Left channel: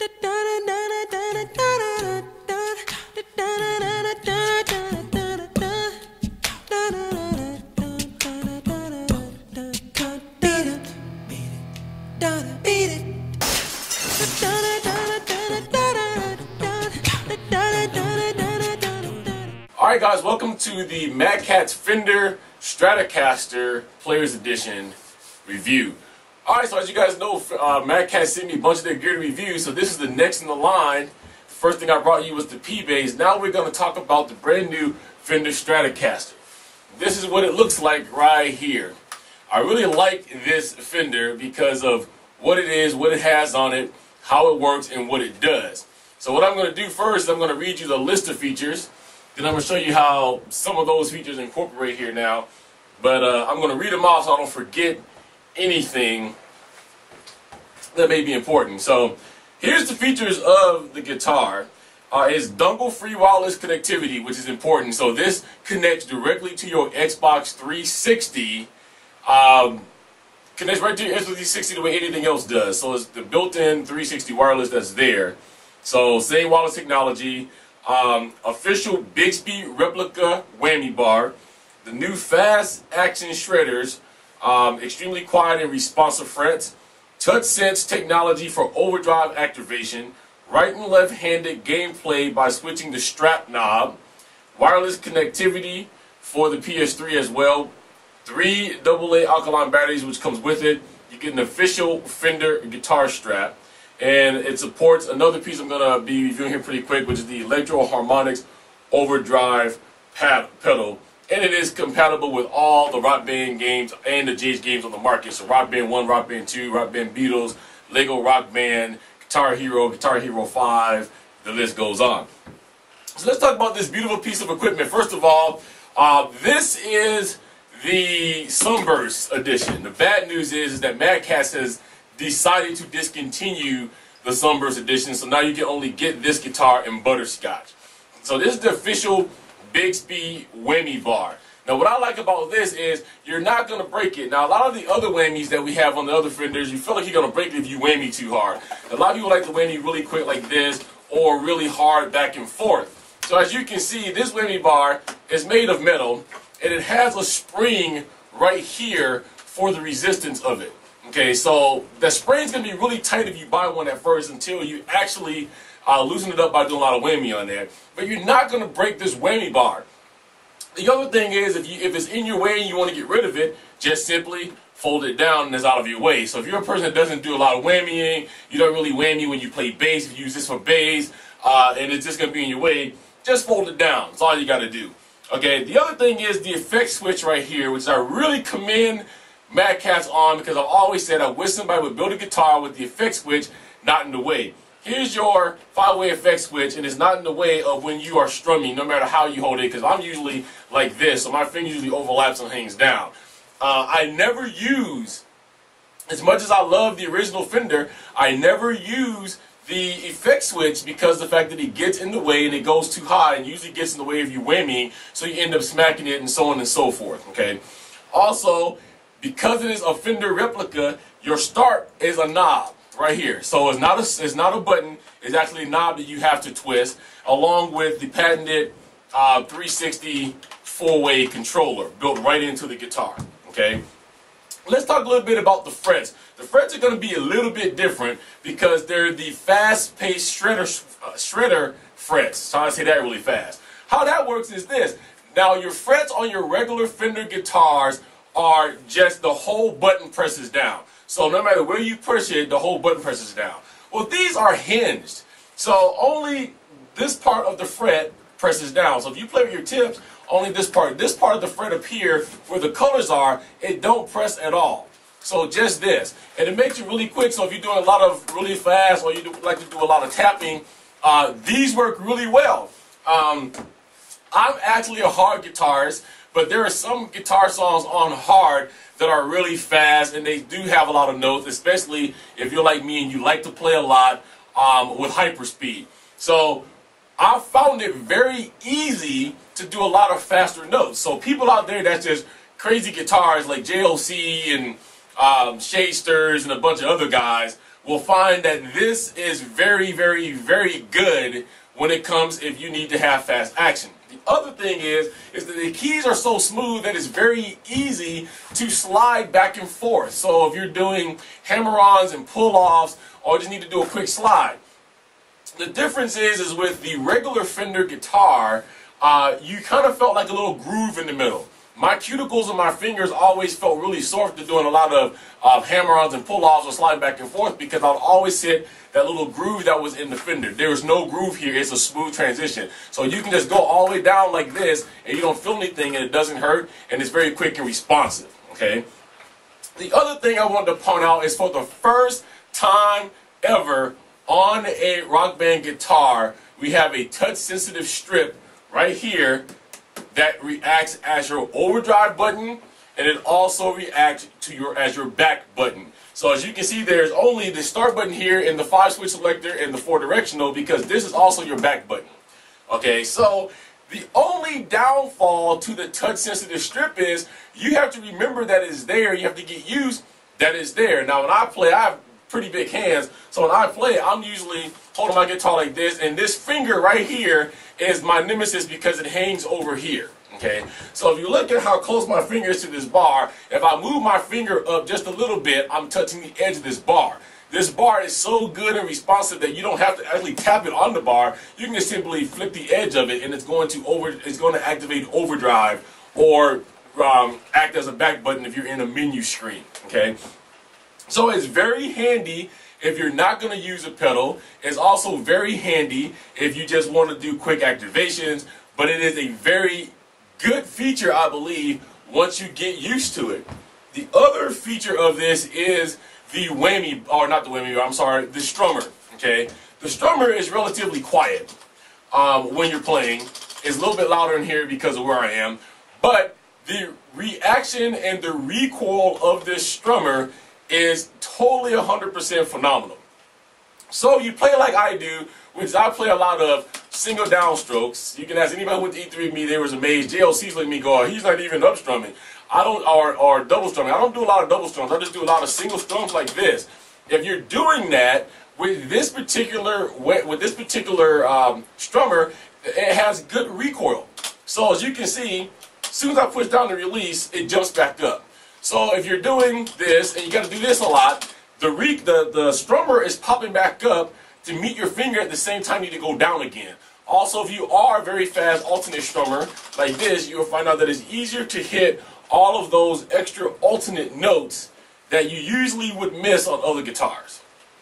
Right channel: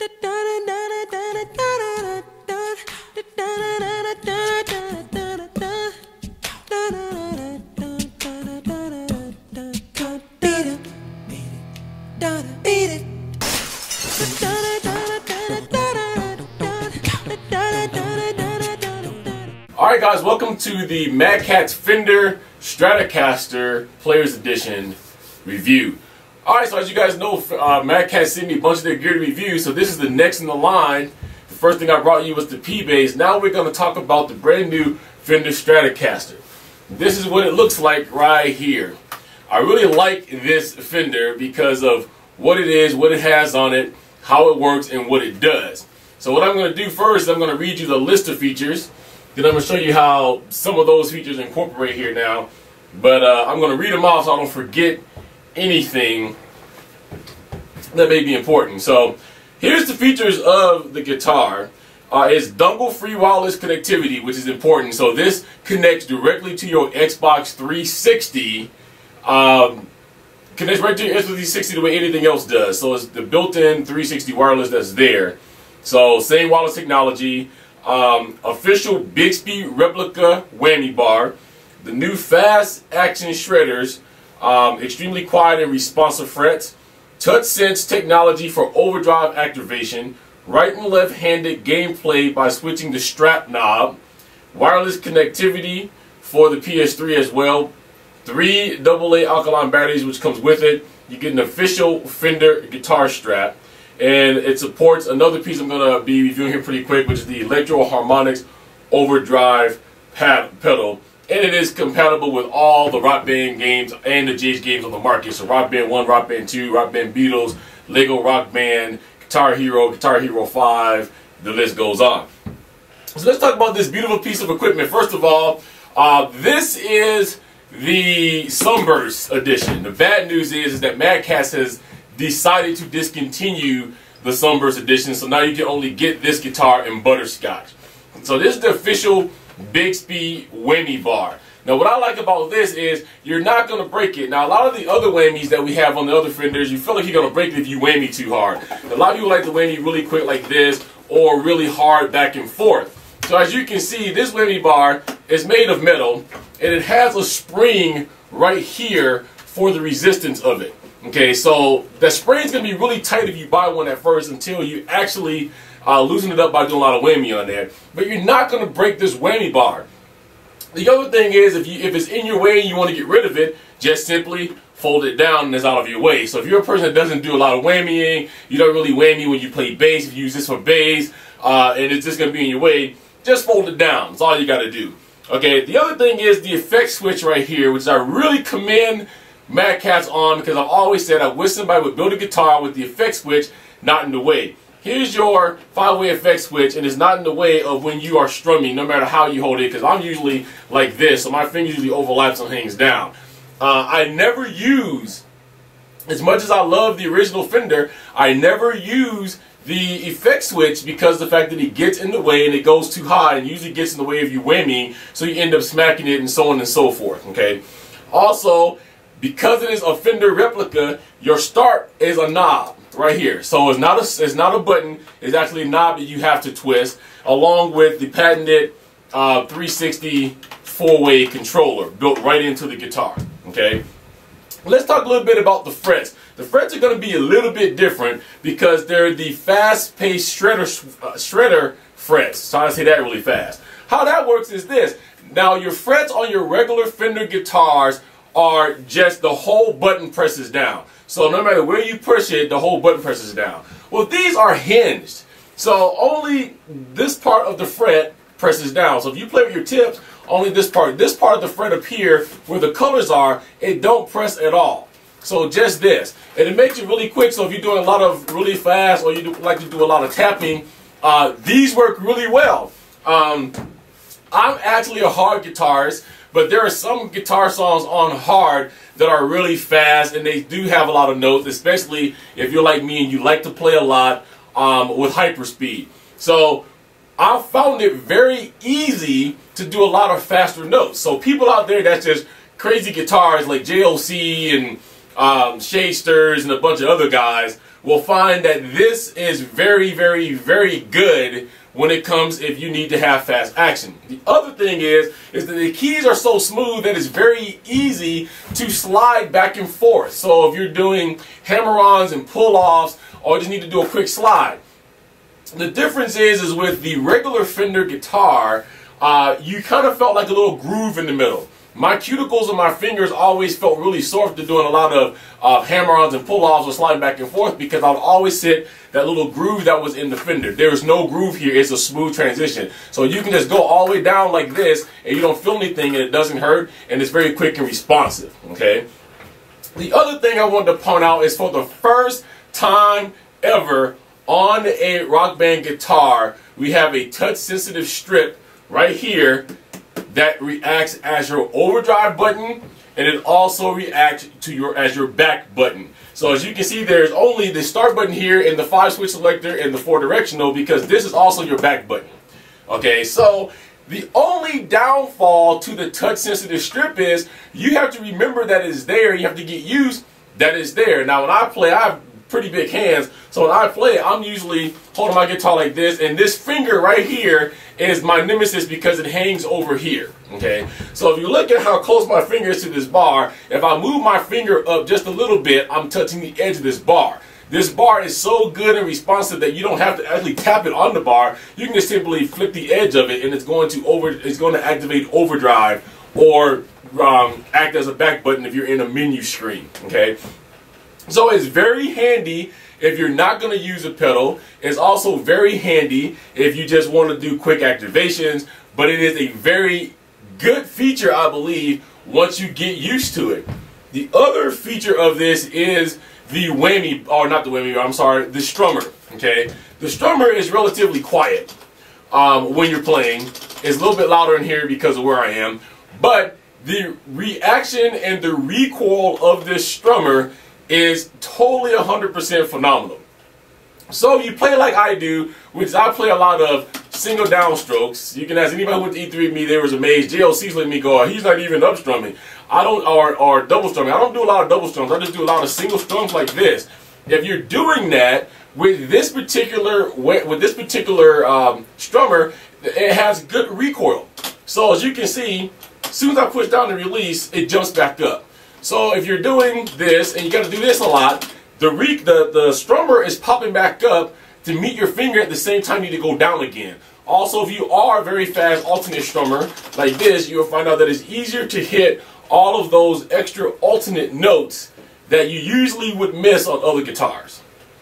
Alright guys, welcome to the MadCatz Fender Stratocaster Players Edition review. Alright, so as you guys know, MadCatz sent me a bunch of their gear to review, so this is the next in the line. The first thing I brought you was the P-Bass. Now we're going to talk about the brand new Fender Stratocaster. This is what it looks like right here. I really like this Fender because of what it is, what it has on it, how it works, and what it does. So what I'm going to do first is I'm going to read you the list of features. Then I'm going to show you how some of those features incorporate here now. But I'm going to read them off so I don't forget anything that may be important. So here's the features of the guitar. It's dongle-free wireless connectivity, which is important. So this connects directly to your Xbox 360. Connects right to your Xbox 360 the way anything else does. So it's the built-in 360 wireless that's there. So same wireless technology. Official Bixby replica whammy bar, the new fast action shredders, extremely quiet and responsive frets, touch sense technology for overdrive activation, right and left handed gameplay by switching the strap knob, wireless connectivity for the PS3 as well, 3 AA alkaline batteries which comes with it. You get an official Fender guitar strap. And it supports another piece I'm going to be reviewing here pretty quick, which is the Electro Harmonics Overdrive pedal. And it is compatible with all the Rock Band games and the JH games on the market. So Rock Band 1, Rock Band 2, Rock Band Beatles, Lego Rock Band, Guitar Hero 5, the list goes on. So let's talk about this beautiful piece of equipment. First of all, this is the Sunburst edition. The bad news is that MadCatz has decided to discontinue the Sunburst edition, so now you can only get this guitar in butterscotch. So this is the official Bixby whammy bar. Now what I like about this is you're not going to break it. Now a lot of the other whammies that we have on the other Fenders, you feel like you're going to break it if you whammy too hard. A lot of people like to whammy really quick like this or really hard back and forth. So as you can see, this whammy bar is made of metal and it has a spring right here for the resistance of it. Okay, so the spring is going to be really tight if you buy one at first until you actually loosen it up by doing a lot of whammy on there. But you're not going to break this whammy bar. The other thing is if it's in your way and you want to get rid of it, just simply fold it down and it's out of your way. So if you're a person that doesn't do a lot of whammying, you don't really whammy when you play bass, if you use this for bass, and it's just going to be in your way, just fold it down. That's all you got to do. Okay, the other thing is the effect switch right here, which I really commend MadCatz on, because I've always said I wish somebody would build a guitar with the effect switch not in the way. Here's your 5-way effect switch, and it's not in the way of when you are strumming, no matter how you hold it, because I'm usually like this, so my finger usually overlaps and hangs down. I never use, as much as I love the original Fender, I never use the effect switch because of the fact that it gets in the way and it goes too high and usually gets in the way of you whammying, so you end up smacking it and so on and so forth. Okay. Also, because it is a Fender replica, your start is a knob right here. So it's not a button, it's actually a knob that you have to twist, along with the patented 360 4-way controller built right into the guitar. Okay? Let's talk a little bit about the frets. The frets are going to be a little bit different because they're the fast-paced shredder frets. Trying to say that really fast. How that works is this. Now your frets on your regular Fender guitars are just the whole button presses down. So no matter where you push it, the whole button presses down. Well, these are hinged. So only this part of the fret presses down. So if you play with your tips, only this part of the fret up here where the colors are, it don't press at all. So just this. And it makes it really quick. So if you're doing a lot of really fast or you like to do a lot of tapping, these work really well. I'm actually a hard guitarist, but there are some guitar songs on hard that are really fast and they do have a lot of notes, especially if you're like me and you like to play a lot with hyperspeed. So I found it very easy to do a lot of faster notes. So people out there that's just crazy guitars like JOC and Shasters and a bunch of other guys, will find that this is very, very, very good when it comes if you need to have fast action. The other thing is that the keys are so smooth that it's very easy to slide back and forth. So if you're doing hammer-ons and pull-offs, or just need to do a quick slide. The difference is with the regular Fender guitar, you kind of felt like a little groove in the middle. My cuticles and my fingers always felt really sore after doing a lot of hammer-ons and pull-offs or sliding back and forth, because I would always hit that little groove that was in the Fender. There is no groove here. It's a smooth transition. So you can just go all the way down like this, and you don't feel anything, and it doesn't hurt, and it's very quick and responsive. Okay. The other thing I wanted to point out is, for the first time ever on a Rock Band guitar, we have a touch-sensitive strip right here that reacts as your overdrive button, and it also reacts to as your back button. So as you can see, there's only the start button here and the 5-switch selector and the 4-directional, because this is also your back button. Okay, so the only downfall to the touch-sensitive strip is you have to remember that it's there. You have to get used that it's there. Now when I play, I have pretty big hands, so when I play, I'm usually holding my guitar like this, and this finger right here is my nemesis because it hangs over here. Okay, so if you look at how close my finger is to this bar, if I move my finger up just a little bit, I'm touching the edge of this bar. This bar is so good and responsive that you don't have to actually tap it on the bar. You can just simply flip the edge of it, and it's going to activate overdrive, or act as a back button if you're in a menu screen. Okay. So it's very handy if you're not going to use a pedal. It's also very handy if you just want to do quick activations, but it is a very good feature, I believe, once you get used to it. The other feature of this is the whammy, or not the whammy, I'm sorry, the strummer. Okay, the strummer is relatively quiet when you're playing. It's a little bit louder in here because of where I am, but the reaction and the recoil of this strummer is totally 100% phenomenal. So you play like I do, which I play a lot of single downstrokes. You can ask anybody who went to E3 with me, they was amazed. JLC's letting me go, he's not even up strumming. I don't, or double strumming. I don't do a lot of double strums. I just do a lot of single strums like this. If you're doing that with this particular strummer, it has good recoil. So as you can see, as soon as I push down the release, it jumps back up. So if you're doing this, and you got to do this a lot, the strummer is popping back up to meet your finger at the same time you need to go down again. Also, if you are a very fast alternate strummer like this, you'll find out that it's easier to hit all of those extra alternate notes that you usually would miss on other guitars.